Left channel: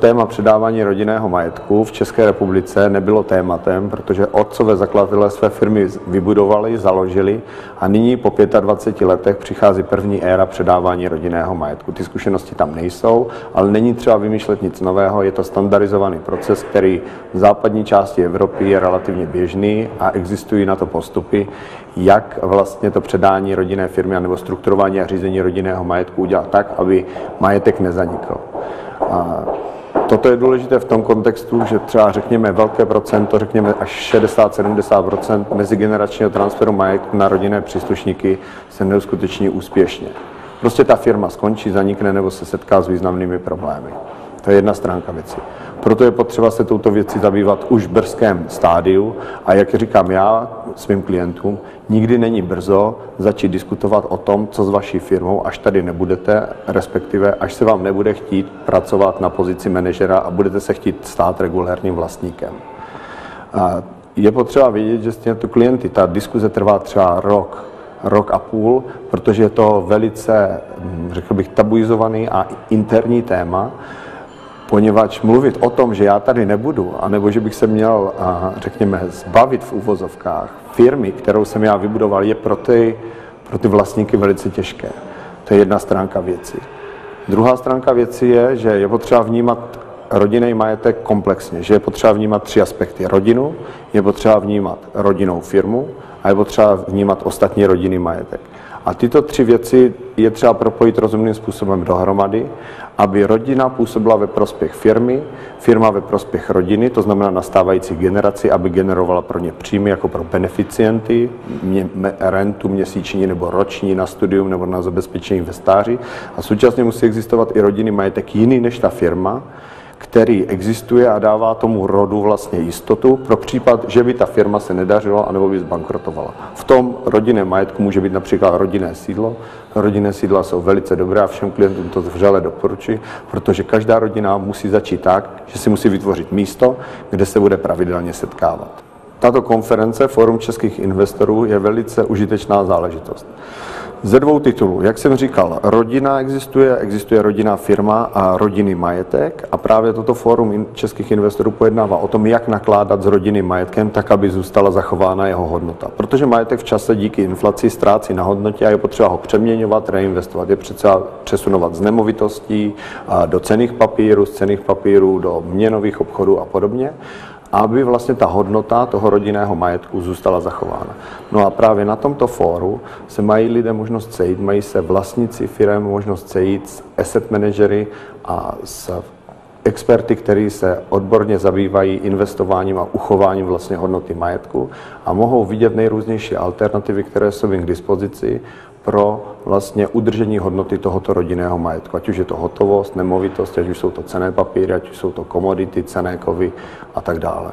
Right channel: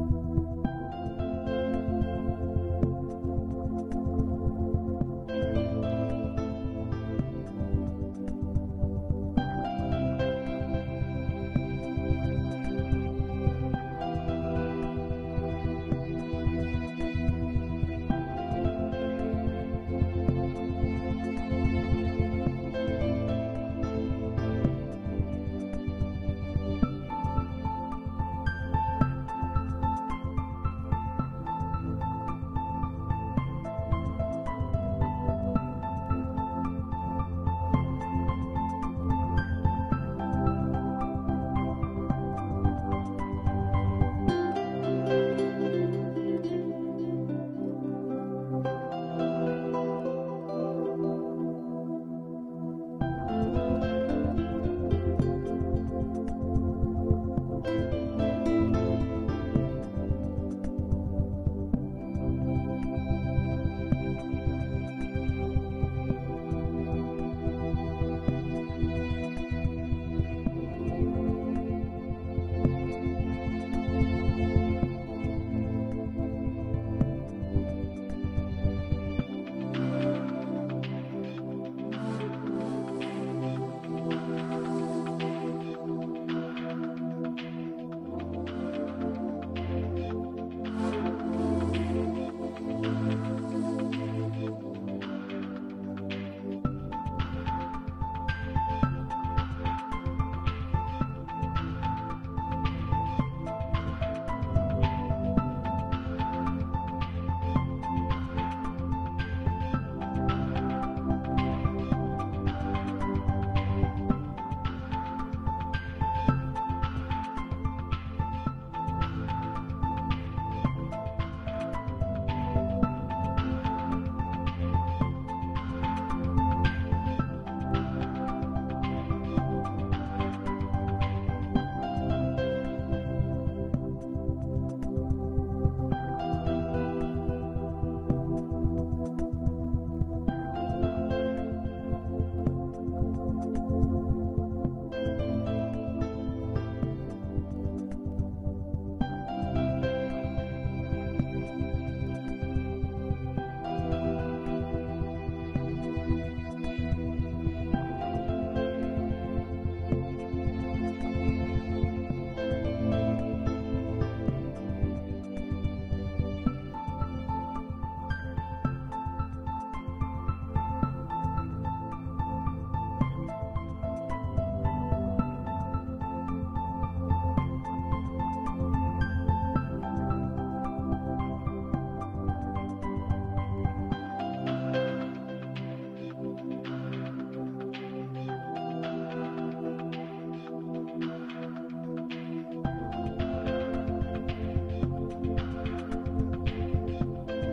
Téma předávání rodinného majetku v České republice nebylo tématem, protože otcové zakladatelé své firmy vybudovali, založili a nyní po 25 letech přichází první éra předávání rodinného majetku. Ty zkušenosti tam nejsou, ale není třeba vymýšlet nic nového, je to standardizovaný proces, který v západní části Evropy je relativně běžný a existují na to postupy, jak vlastně to předání rodinné firmy nebo strukturování a řízení rodinného majetku udělat tak, aby majetek nezanikl. Toto je důležité v tom kontextu, že třeba řekněme velké procento, řekněme až 60-70% mezigeneračního transferu majetku na rodinné příslušníky se neuskuteční úspěšně. Prostě ta firma skončí, zanikne nebo se setká s významnými problémy. To je jedna stránka věci. Proto je potřeba se touto věcí zabývat už v brzkém stádiu a jak říkám já svým klientům, nikdy není brzo začít diskutovat o tom, co s vaší firmou, až tady nebudete, respektive až se vám nebude chtít pracovat na pozici manažera a budete se chtít stát regulérním vlastníkem. A je potřeba vědět, že s těmito klienty ta diskuze trvá třeba rok a půl, protože je to velice, řekl bych, tabuizovaný a interní téma, poněvadž mluvit o tom, že já tady nebudu, anebo že bych se měl, řekněme, zbavit v uvozovkách firmy, kterou jsem já vybudoval, je pro ty vlastníky velice těžké. To je jedna stránka věci. Druhá stránka věci je, že je potřeba vnímat rodinný majetek komplexně, že je potřeba vnímat 3 aspekty. Rodinu, je potřeba vnímat rodinnou firmu a je potřeba vnímat ostatní rodinný majetek. A tyto 3 věci je třeba propojit rozumným způsobem dohromady, aby rodina působila ve prospěch firmy, firma ve prospěch rodiny, to znamená nastávající generaci, aby generovala pro ně příjmy jako pro beneficienty, rentu měsíční nebo roční na studium nebo na zabezpečení ve stáří. A současně musí existovat i rodinný majetek jiný než ta firma, který existuje a dává tomu rodu vlastně jistotu pro případ, že by ta firma se nedařila anebo by zbankrotovala. V tom rodinném majetku může být například rodinné sídlo. Rodinné sídla jsou velice dobré a všem klientům to vřele doporučuji, protože každá rodina musí začít tak, že si musí vytvořit místo, kde se bude pravidelně setkávat. Tato konference Fórum českých investorů je velice užitečná záležitost. Ze 2 titulů. Jak jsem říkal, rodina existuje rodinná firma a rodinný majetek a právě toto Fórum českých investorů pojednává o tom, jak nakládat s rodinným majetkem, tak, aby zůstala zachována jeho hodnota. Protože majetek v čase díky inflaci ztrácí na hodnotě a je potřeba ho přeměňovat, reinvestovat. Je potřeba přesunovat z nemovitostí do cenných papírů, z cenných papírů do měnových obchodů a podobně, aby vlastně ta hodnota toho rodinného majetku zůstala zachována. No a právě na tomto fóru se mají lidé možnost sejít, mají se vlastníci firem možnost sejít s asset managery a s experty, kteří se odborně zabývají investováním a uchováním vlastně hodnoty majetku a mohou vidět nejrůznější alternativy, které jsou jim k dispozici pro vlastně udržení hodnoty tohoto rodinného majetku. Ať už je to hotovost, nemovitost, ať už jsou to cenné papíry, ať už jsou to komodity, cenné kovy a tak dále.